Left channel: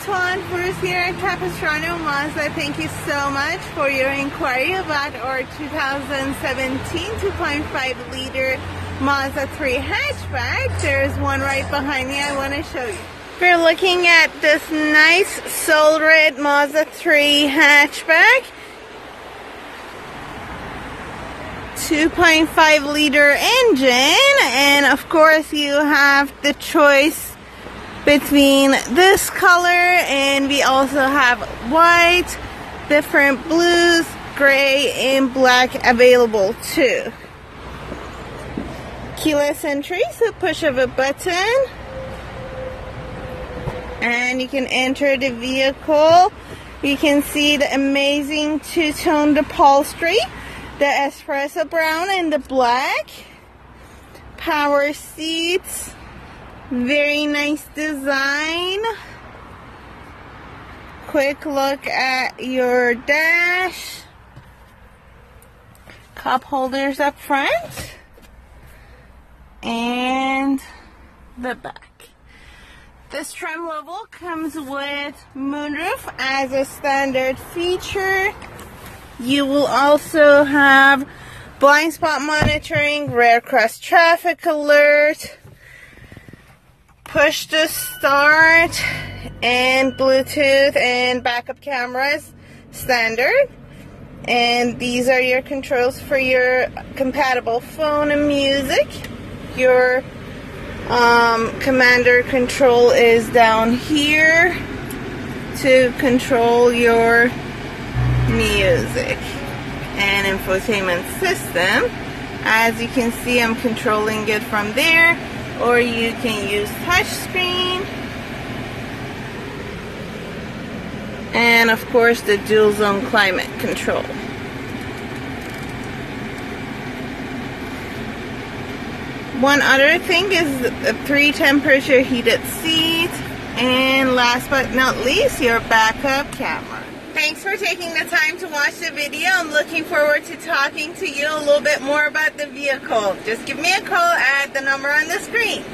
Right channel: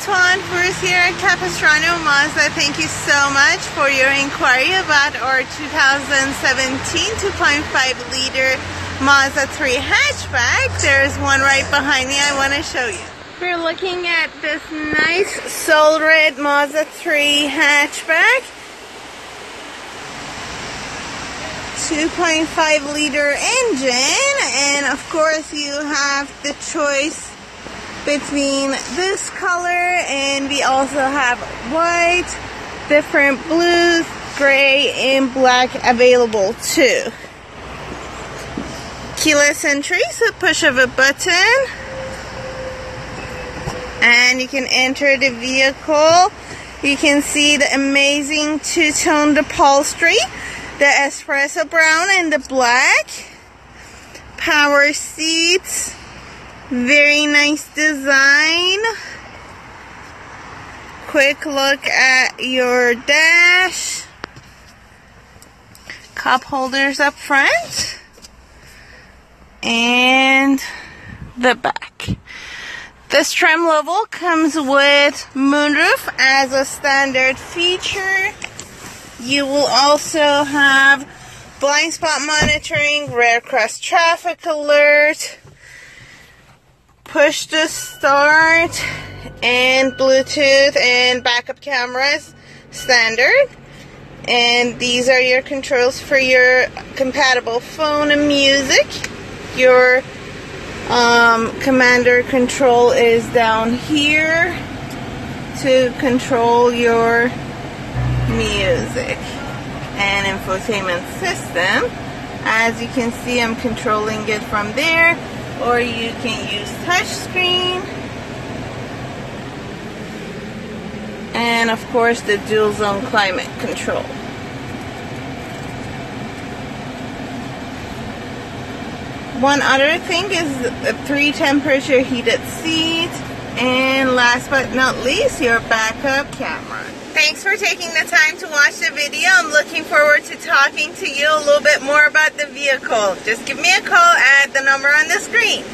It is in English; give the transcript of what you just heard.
Tuan here at Capistrano Mazda. Thank you so much for your inquiry about our 2017 2.5 liter Mazda 3 hatchback. There's one right behind me I want to show you. We're looking at this nice soul red Mazda 3 hatchback. 2.5 liter engine, and of course you have the choice between this color, and we also have white, different blues, gray, and black available too. Keyless entry, so push of a button and you can enter the vehicle. You can see the amazing two-tone upholstery, the espresso brown and the black, power seats, very nice design. Quick look at your dash, cup holders up front and the back. This trim level comes with moonroof as a standard feature. You will also have blind spot monitoring, rear cross traffic alert, push to start, and Bluetooth and backup cameras standard. And these are your controls for your compatible phone and music. Your commander control is down here to control your music and infotainment system. As you can see, I'm controlling it from there, or you can use touchscreen, and of course the dual zone climate control. One other thing is a 3 temperature heated seat, and last but not least, your backup camera. Thanks for taking the time to watch the video. I'm looking forward to talking to you a little bit more about the vehicle. Just give me a call at the number on the screen.